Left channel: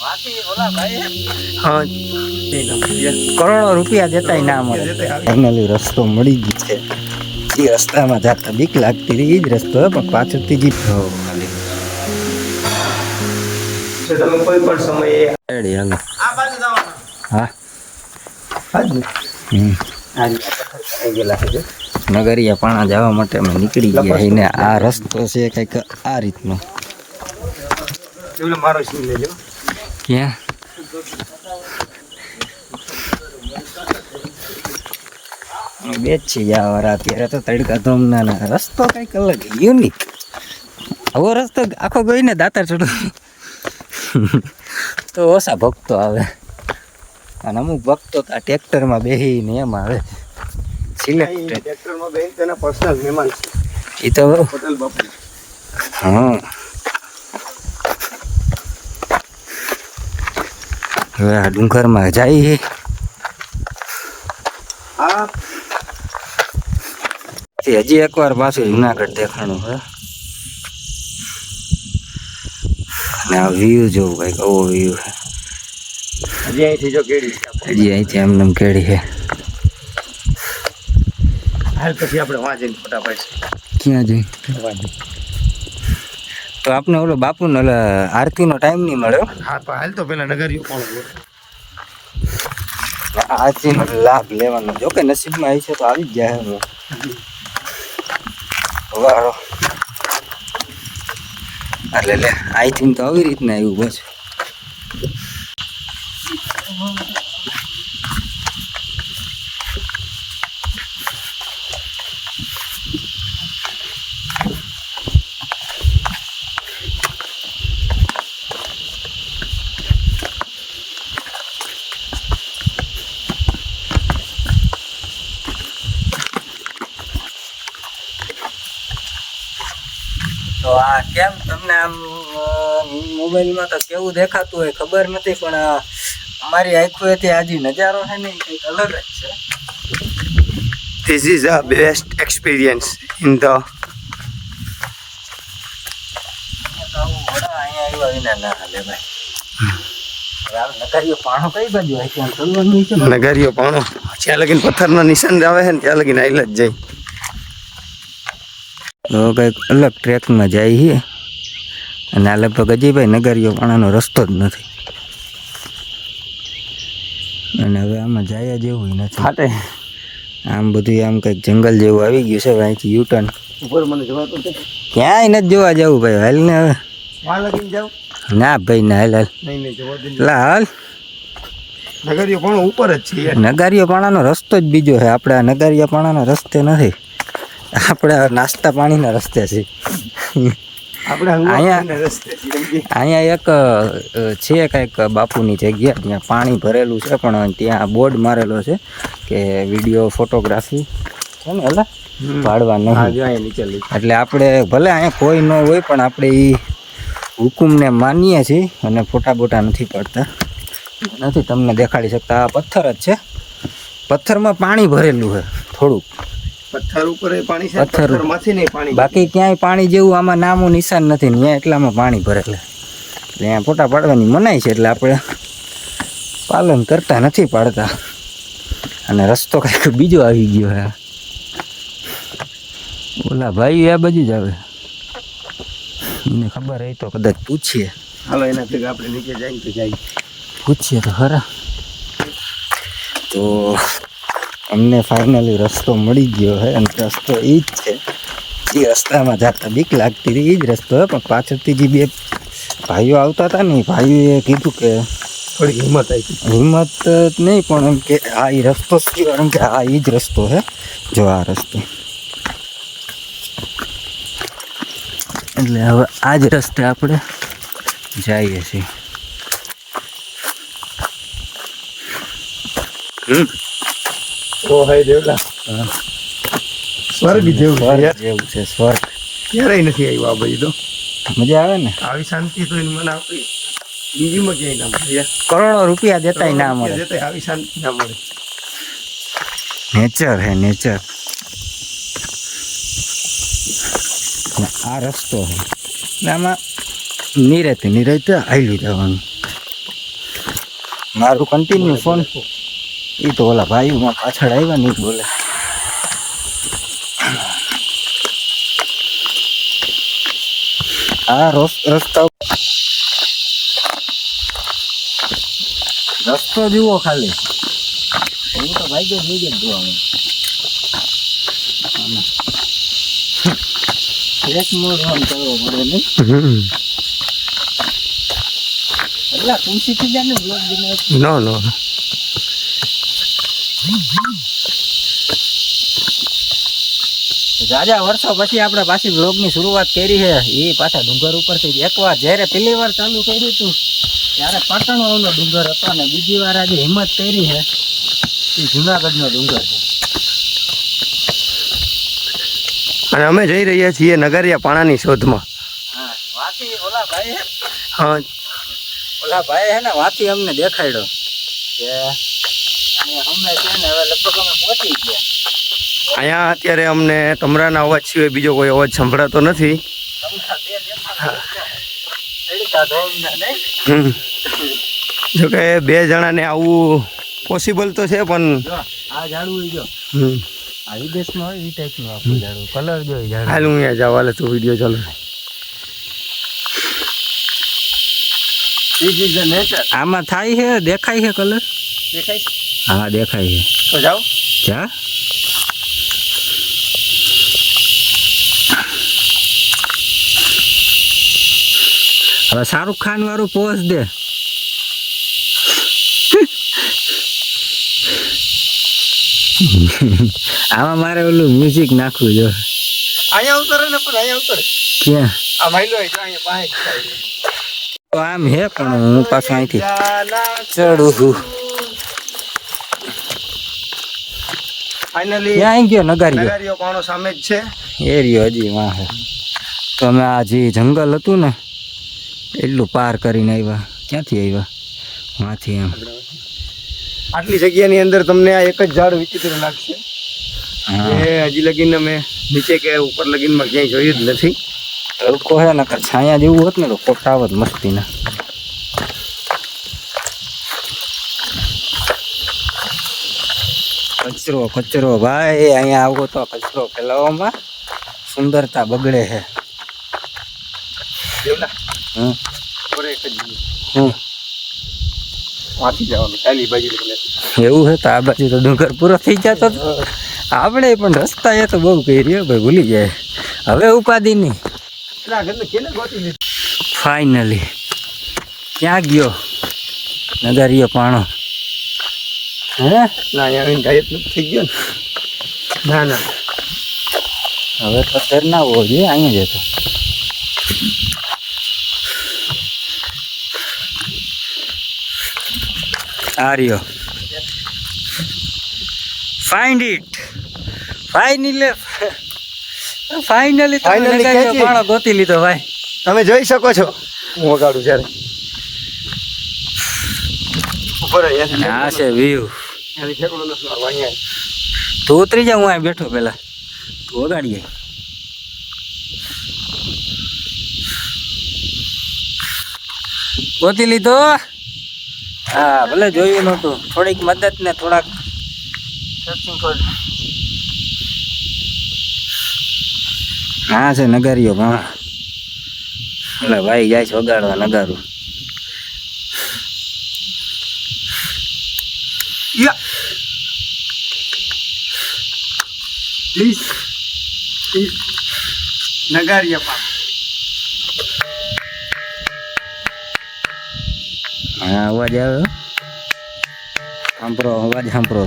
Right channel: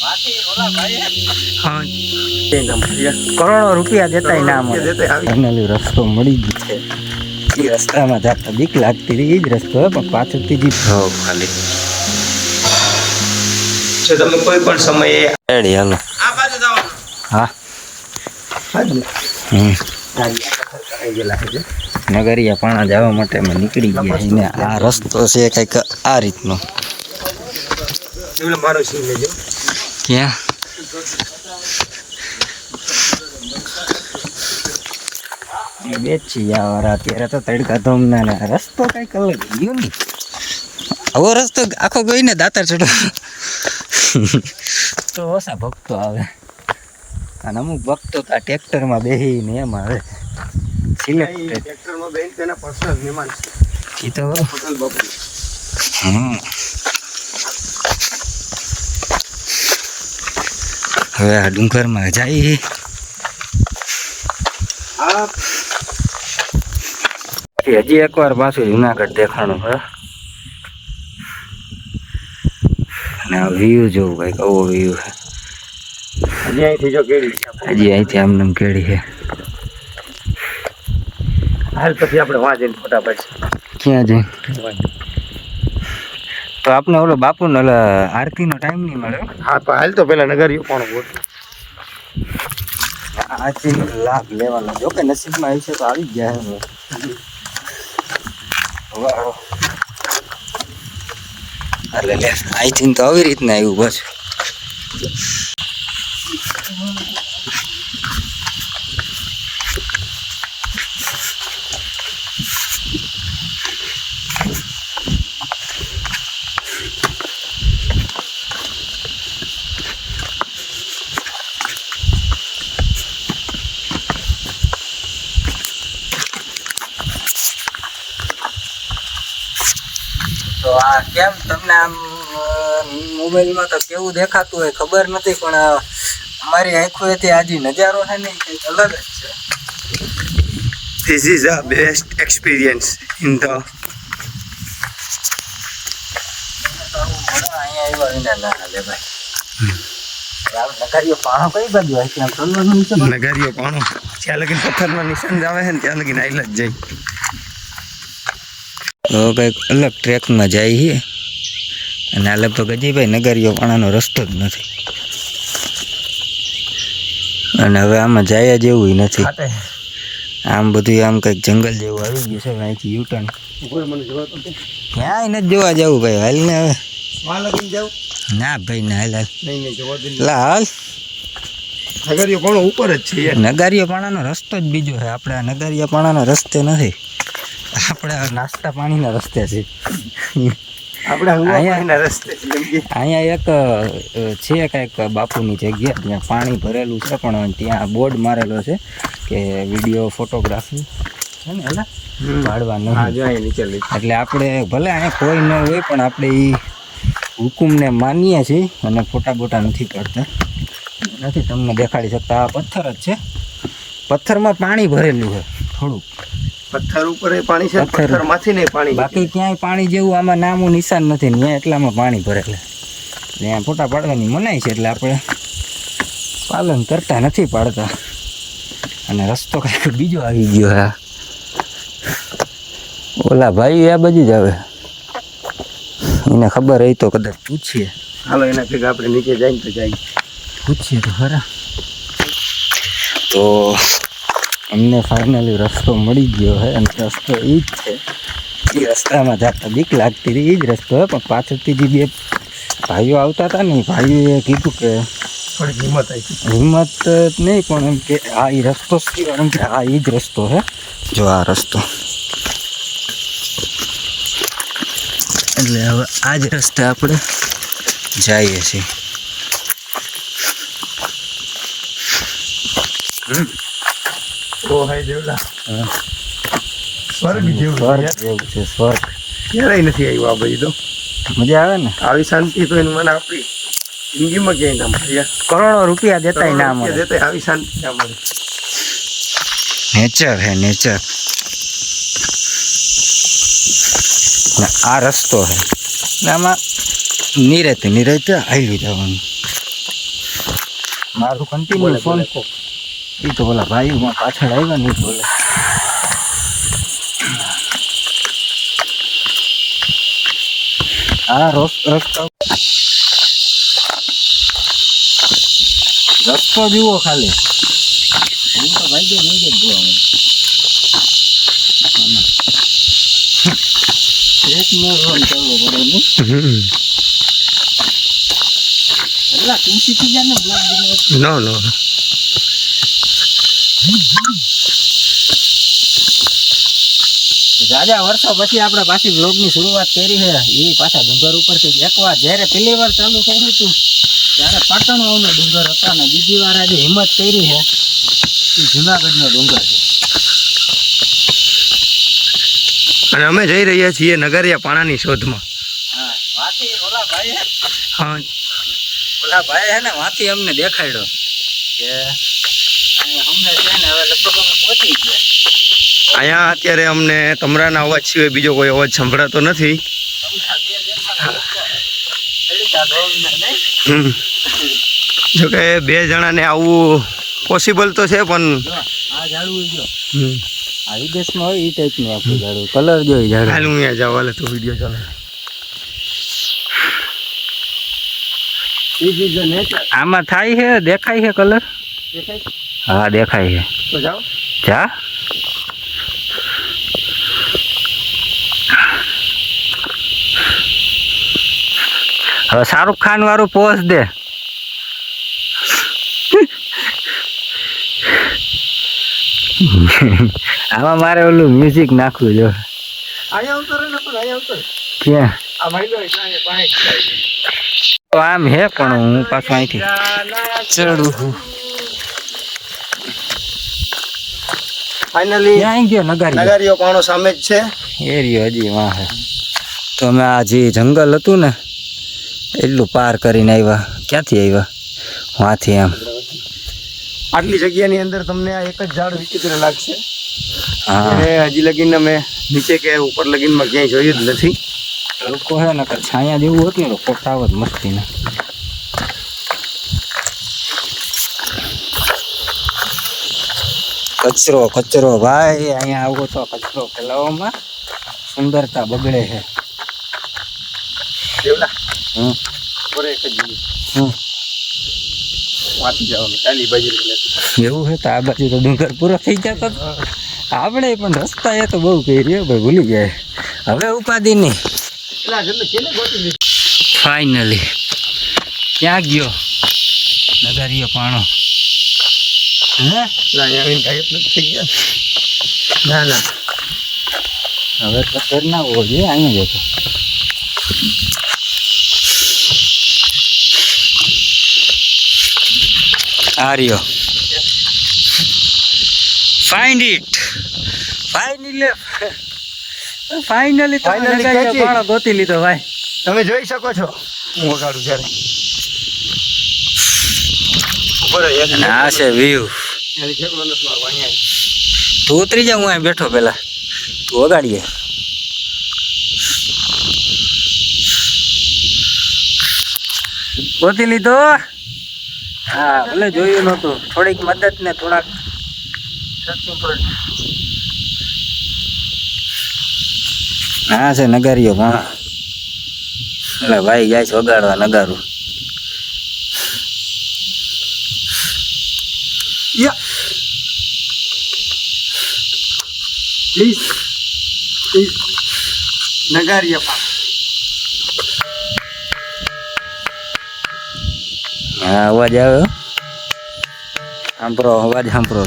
હા કરોડો રૂપિયા દેતાય ના મળે. ફાઇનલી રસ્તો મળી ગયો છે. એ રસ્તામાં જતા બીક લાગતી હતી, એ જ રસ્તો પણ પાછળથી જ ખાલી તમે કોઈ પણ સમયે રેડી હાલો. હા નગરિયા પાણા જવા માટે અમે નીકળી ગયા એને. આ રસ્તો છે કંઈક આ રીતનો. ક્યાં બે જ છીએ યાર અત્યારે તો તડકા ધોમના. રસ્તો કંઈક અલગ યુનિક. આવો રસ્તો આખો ગયો ને દાતાર ચડો તો ઓછા ભક્તો આવે, અને અમુક ભક્તો તો આ ટ્રેક્ટરમાં બેસીને એમ આવે. સિલેક્ટેડ એ તો હા. હવે આ ડુંગરમાં જાય હજી એકવાર પાછું જુનાગઢ દેખાણું હે. અને આ વ્યૂ જોવું કંઈક આવો વ્યૂ છે. હજી અહીંથી આમ નામ કેળી છે. હાલ પછી આપણે વાં જઈને ફોટા પાડીશું. ક્યાં જઈ? તો આપણે ઓલો બાપુનો ઓલો આરતીનો ટાઈમ નહીં મળ્યો. હા પણ હાલ તો પેલા નગરિયો પણ આરતીનો લાભ લેવાનો. જો કે નસીબમાં આવી છે તો આવી જ જાય. વાળો એટલે લે અહીંથી તો આવી રીતના આવ્યું પાછું. તો આ કેમ તમને આમ મોબાઈલમાં તો કેવું દેખાતું હોય ખબર નથી, પણ અમારી આંખોએથી આજે નજારો છે ને કંઈક અલગ જ છે. This is the best experience in the અહીંયા આવ્યા વિના ના હાલે ભાઈ. નગરિયો પાણો કઈ બાજુ હોય ત્યાં ચડવાનું છે? નગરિયો પાણો જ્યાં લગીને પથ્થરના નિશાન આવે છે ને ત્યાં લગીને આઈલ જ જાય. તો કંઈક અલગ ટ્રેકમાં જાય છે. અને આ લગભગ હજી ભાઈ નગરિયો પાણાનો રસ્તો જ નથી. અને હવે આમાં જાય જેવું નથી. આમ બધું આમ કંઈક જંગલ જેવું આવી ગયું છે. અહીંથી યુટર્ન ક્યાંય નથી જોવા જવું ભાઈ. હાલ ને હવે ના ભાઈ ના હાલ હાલ હાલ. નગરિયો પાણો ઉપર જ છે. નગારિયો પાણાનો રસ્તો જ બીજો છે. આપણે આ નગારિયો પાણાના રસ્તે નથી, આપણે નાસ્તા પાણીના રસ્તે છે. અહીંયા એક છે કંઈક બાપુની જગ્યા, ત્યાં પાણી ભરેલું છે, પણ ત્યાં બોર્ડ મારેલો છે કે વિડીયો ફોટોગ્રાફી છે ને એટલે પાડવા નહીં. એટલે આપણે ભલે અહીંયા કોઈ ન હોય પણ આપણે એ હુકુમને માનીએ છીએ અને ફોટા બોટા નથી પાડતા. નથી તમને દેખાડી શકતા. આ પથ્થર જ છે. પથ્થરમાં પાણી ભરેલું છે થોડુંક. પથ્થર ઉપર પાણી છે, પથ્થરમાંથી નહીં પાણી. બાકી ક્યાંય પાણી જેવું આમાં નામું નિશાન નથી. ત્યાં એટલામાં પાણી ભરેલા. ત્યાં ફોટા પાડવાની મનાય છે એટલે આપણે પાલન કરતા નથી, પાડતા. અને રસ્તો કંઈક બીજો આવી ગયો હા. ઓલા ભાઈ આ બાજુ જ આવે. એને ખબર હોય તો કદાચ પૂછીએ. હાલો એના ભેગા આપણે નીચે જઈને તો જાય. પૂછીએ તો ખરા. તો અમને ફાઇનલી રસ્તો મળી ગયો છે. અને રસ્તો એ જ છે. એ રસ્તામાં જતા બીક લાગતી હતી, એ જ રસ્તો છે. પણ પાછળથી જે બે ભાઈઓ આવતા હતા ને, ભાઈએ કીધું કે થોડી હિંમત આવી. હિંમત નહીં પણ એમ કે આ એ રસ્તો એમ કે આ એ જ રસ્તો છે. જો આ રસ્તો એટલે હવે આ જ રસ્તે આપણે જઈએ છીએ. તો હે દેવલા સ્વર્ગ જેવું છે. સ્વર્ગ ક્યારેય નથી આવ્યું આ બાજુ. તો મજા આવે ને. આવી શાંતિ તો એને મને આપણી જિંદગીમાં ક્યાંય ના મળે. કરોડો રૂપિયા દેતાય ના મળે. આવી શાંતિ ના મળે. નેચર હે નેચર. આ રસ્તો છે. આમાં નિરેતે હાલ્યું જવાનું. મારું કન્ટિન્યુ ફોન એ તો ઓલા ભાઈમાં પાછળ આવ્યા નહીં બોલે. હા રસ્તો જુઓ ખાલી એવું તો ભાઈ જોઈ જ જોવા એક મોર ફોન કરવો પડે નહીં એટલે તું શીખી જાય ને બ્લોગ નો નો જાજા વર્ષો પછી આપણે પાછી બ્લોગની શરૂઆત કરી છે એ પાછા ડુંગર ઉપરથી એકવાર જ્યારે પહેલી વાર ચાલુ કર્યું હતું ત્યારે પાટણનો એનો ડુંગર હતો ને બીજી વાર આજે હિંમત કરી છે એ જુનાગઢનો ડુંગર છે. અને અમે જઈ રહ્યા છીએ નગરિયા પાણાની શોધમાં. હા વાથી ઓલા ભાઈ હા હે ને વાથી અમને દેખાડ્યો કે અમે છે ને હવે લગભગ અમે પહોંચી ગયા. અહીંયા અત્યારે અમને તમરાના અવાજ સિવાય બીજો કોઈ અવાજ સંભળાતો નથી. જોકે 2 જણાને આવવું પોસિબલ તો છે પણ આ ઝાડવું જો આ વિદેશમાં હોય એ ટાઈપનું આખું ઝાડવું કલર જો ઝાડવું હાલ હું અહીંયા જાવ હાલે તું વિડીયો ચાલુ. આમાં થાય છે દેખાય છે કલર દેખાય છે? હા દેખાય છે. તો જાઓ જા હવે શાહરુખ ખાન વાળું પોઝ દે. આમાં મારે ઓલું મ્યુઝિક નાખવું જો. અહીંયા ઉતરે ને પણ અહીંયા ઉતરે ક્યાં આ માઈલો અહીંયા પાસે તો આમ હે પણ હું પાછું અહીંથી ચડું. ફાઇનલી ક્યાં ગયો નગારી નગારીઓ પાણો સામે જ છે. એરિયો હજી વાં હે તો અમે આ જે જંગલ હતું ને એટલું પાર કરીને આવ્યા. ક્યાંથી આવ્યા વાંથી આમ આટલી જગ્યાની અંદર તમને આ એક જ ઝાડ વિચિત્ર લાગશે. હા હજી લગીન અમે નીચે કે ઉપર લગીનમાં ક્યાંય જોયું જ નથી. લોકો હે ને છાયા જેવું હોત ને તો ફોટા આવત મસ્તી ના. કચરો કચરો ભાઈ અહીંયા આવો તો કચરો ફેલાવવામાં સુંદરતા બગડે છે. હમ વાંચી જવાનું ચાલી બાજુ એવું છે તો આ બાજુ તો ડુંગર પૂરો થઈ જતો આપણે પણ રસ્તા એ તો બહુ કહી રહ્યો ભાઈ ભૂલી જાય હવે ઉપાધિ નહીં. ફાઇનલી ક્યાં ગયો નગરિયો પાણો? હે ના આવીને ગાયબ નથી થઈ ગયો ને. ના ના હવે તો ફેર ના હોવો જોઈએ અહીંયા જતો. આ રહ્યો ફાઇન્ડ ઇટ ફાઇનલી તમે નગરિયો પાણો ગોતી લીધો ભાઈ. તમે જોઈ શકો છો હું વગાડું જ્યારે. અને આ છે વ્યૂ. તું ઉતરી જા હું અહીં બેઠો પેલા તું વગાડીએ. ગોતી લીધો. હા ભલે જોયું નહોતું થોડીક મદદ ને થોડાક હા છે નગારીઓ પણ એટલે ભાઈ જાય છે વગાડવા નગારું. નગારિયા પાણ. હા અવાજ આવ્યો સાંભળો અવાજ સાંભળો.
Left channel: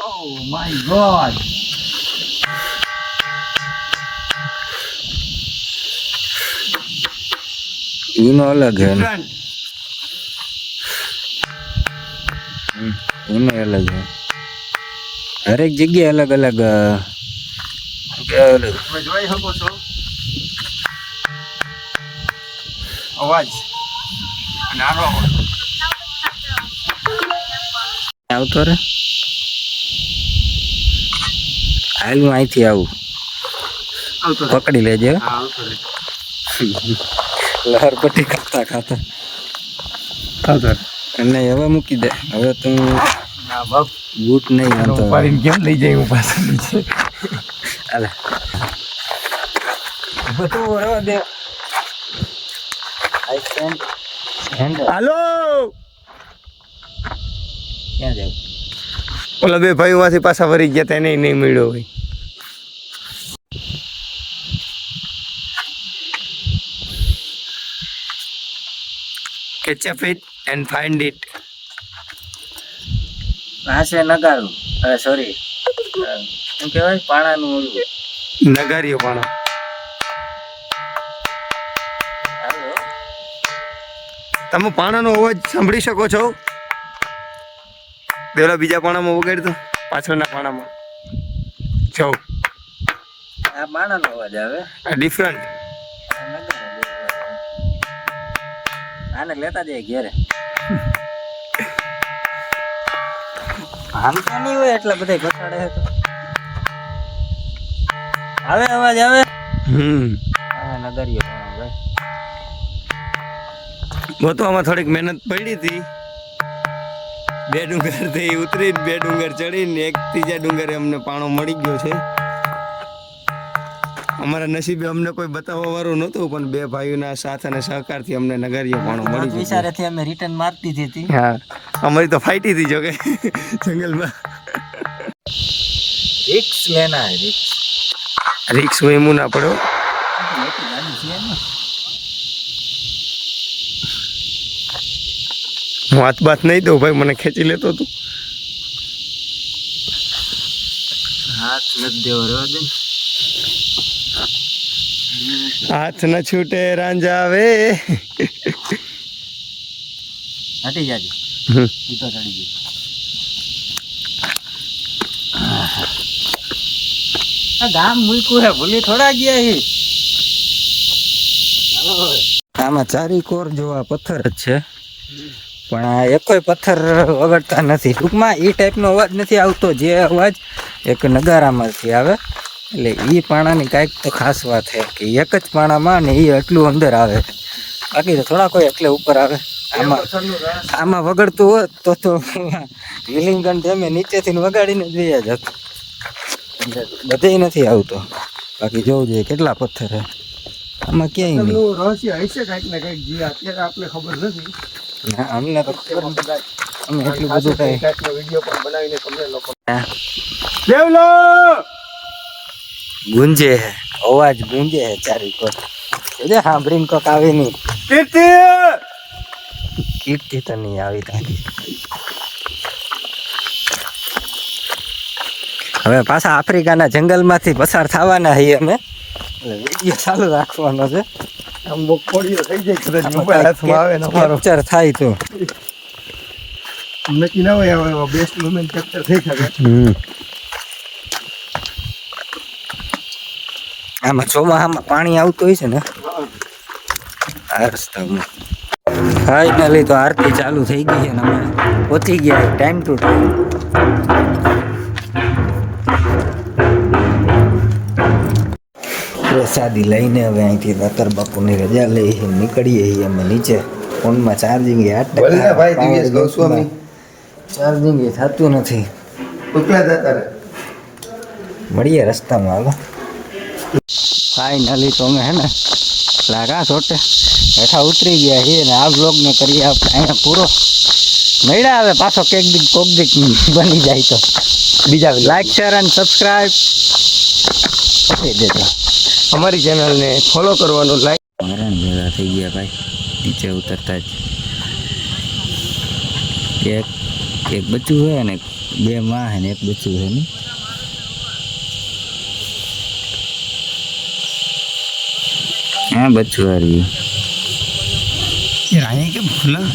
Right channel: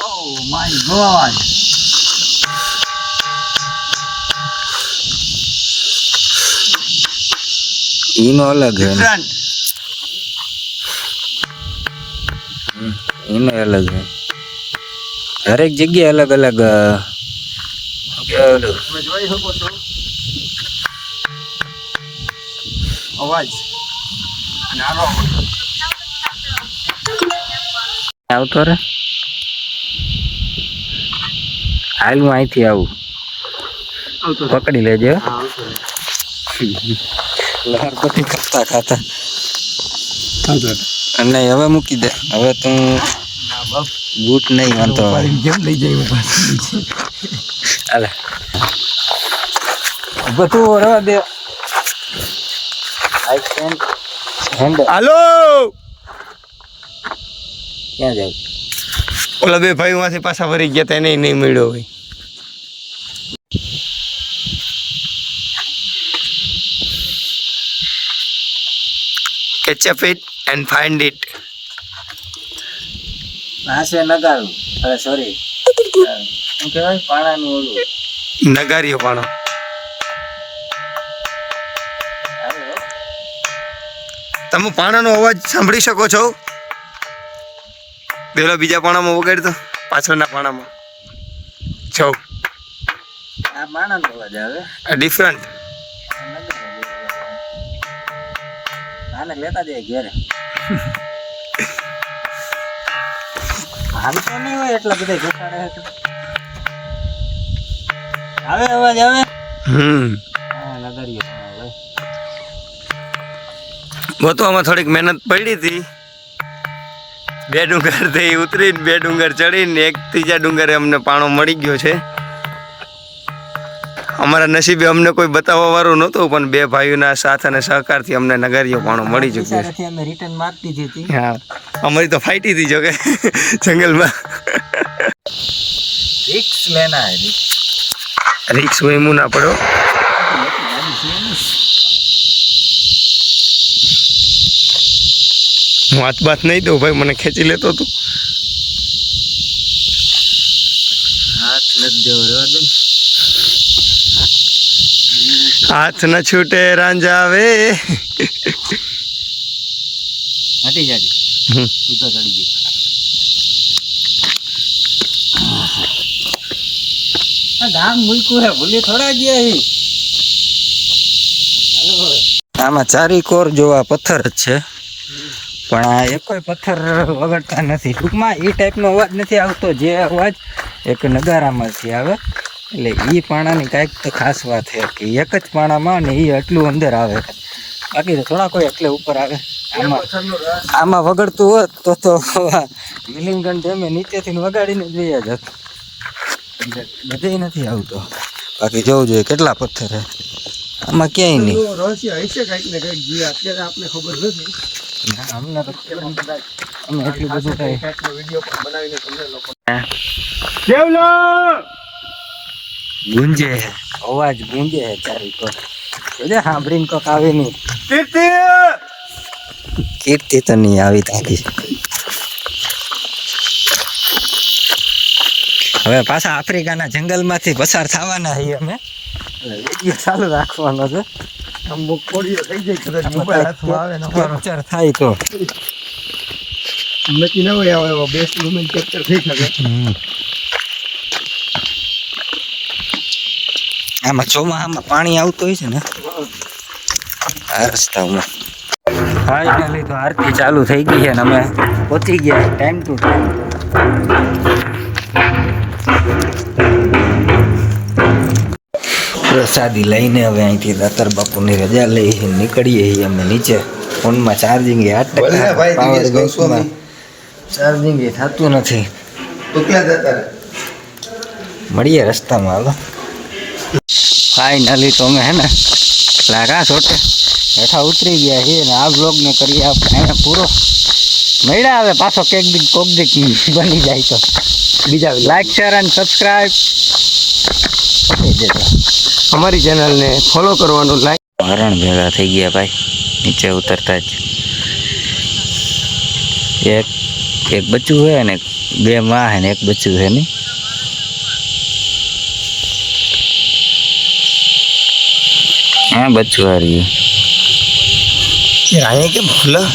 Oh my God. એનો અલગ છે એનો અલગ છે હરેક જગ્યાએ અલગ અલગ તમે જોઈ શકો છો અવાજ અને આનો અવાજ આવતો રે. હાલ હું અહીંથી આવું પકડી લેજે. લહર પટ્ટી ખાતા ખાતા નહીં હવે મૂકી દે. હવે તું બૂટ નહીં વાંધો. કેમ લઈ જાય હું પાછું નીચે? હાલે બધું રવા દે. I can handle. હાલો ક્યાં જાય? ઓલા બે ભાઈઓમાંથી પાછા વળી ગયા હતા એને નહીં મળ્યો હોય. Catch it and find it. આ છે નગારું. અરે સોરી શું કહેવાય પાણાનું ઓલું નગારીઓ પાણો. અરે હો. તમે પાણાનો અવાજ સાંભળી શકો છો? પેલા બીજા પાણામાં વગાડતો પાછળના પાણામાં છો. આ પાણાનો અવાજ આવે. આ ડિફરન્ટ. આ નગારો જેવો અવાજ આવે. આને લેતા જાય ઘેરે. હાલતો નહીં હોય એટલે બધા ઘટાડે છે. આવે અવાજ આવે. હા નગરીઓ પણ ભાઈ ગોતવામાં થોડીક મહેનત પડી હતી. 2 ડુંગર થી ઉતરીને 2 ડુંગર ચડીને એક ત્રીજા ડુંગરે અમને પાણો મળી ગયો છે. અમારા નસીબે અમને કોઈ બતાવવા વાળું નહોતું પણ 2 ભાઈઓના સાથ અને સહકારથી અમને નગારીઓ પાણો મળી ચૂક્યો છે. બિચારાથી અમે રિટર્ન મારતી હતી. હા અમારી તો ફાઈટી હતી જો કે જંગલમાં. રિક્સ લેના હે રિક્સ. રિક્સ હોય એમ ના પડો. હું હાથ બાથ નહીં દઉં ભાઈ, મને ખેંચી લેતો તું. હાથ નથી દેવો રેવા દે. હાથ ન છૂટે રાંઝા વે. હટી જાજે. ઈ તો ચડી ગઈ. આ ગામ મૂક્યું હે ભૂલી થોડા ગયા હી. આમાં ચારી કોર જોવા પથ્થર જ છે પણ આ એકોય પથ્થર વગડતા નથી. ટૂંકમાં એ ટાઈપનો અવાજ નથી આવતો જે અવાજ એક નગારામાંથી આવે. એટલે એ પાણાની કાંઈક તો ખાસ વાત છે કે એક જ પાણામાં ને એ એટલું અંદર આવે છે. બાકી તો થોડા કોઈ એટલે ઉપર આવે. આમાં વગડતું હોત તો વિલિંગન તમે નીચેથી વગાડીને જ વયા જત. બધે નથી આવતો. બાકી જોવું જોઈએ કેટલા પથ્થર છે આમાં. ક્યાંય નહીં. ના અમને તો ખબર નથી. અમે એટલું બધું કઈ ગુંજે હે, અવાજ ગુંજે હે ચારી કોર. સાંભળીને કોક આવે નહીં. કીર્તિ તો નહીં આવી તાકી. હવે પાછા આફ્રિકાના જંગલમાંથી પસાર થવાના છીએ અમે. વિડીયો ચાલુ રાખવાનો છે. કેપ્ચર થાય તો નક્કી ના હોય બેસ્ટ મુમેન્ટ કેપ્ચર થઈ શકે. આમાં ચોમાસામાં પાણી આવતું હોય છે ને આ રસ્તામાં. ફાઇનલી તો આરતી ચાલુ થઈ ગઈ છે ને અમે પહોંચી ગયા ટાઈમ ટુ ટાઈમ. પ્રસાદી લઈને હવે અહીંથી દાતર બાપુની રજા લઈ નીકળીએ છીએ અમે નીચે. ફોનમાં ચાર્જિંગ 8% ચાર્જિંગ થતું નથી. મળીએ રસ્તામાં. હાલો ફાઇનલી તો અમે હે ને લાગા છોટે હેઠા ઉતરી ગયા છીએ ને આ બ્લોગને કરીએ આપણે અહીંયા પૂરો. મળ્યા હવે પાછો કોક દીક બની જાય તો બીજા લાઈક શેર અને સબસ્ક્રાઈબ કરી દેજો. અમારી ચેનલને ફોલો કરવાનું. લાઈક હરણ ભેગા થઈ ગયા ભાઈ નીચે ઉતરતા જ. એક બચ્ચું છે ને 2 માં છે ને 1 બચ્ચું છે ને. હા બચ્ચું આ રહ્યું. અહીંયા કેમ ભૂલા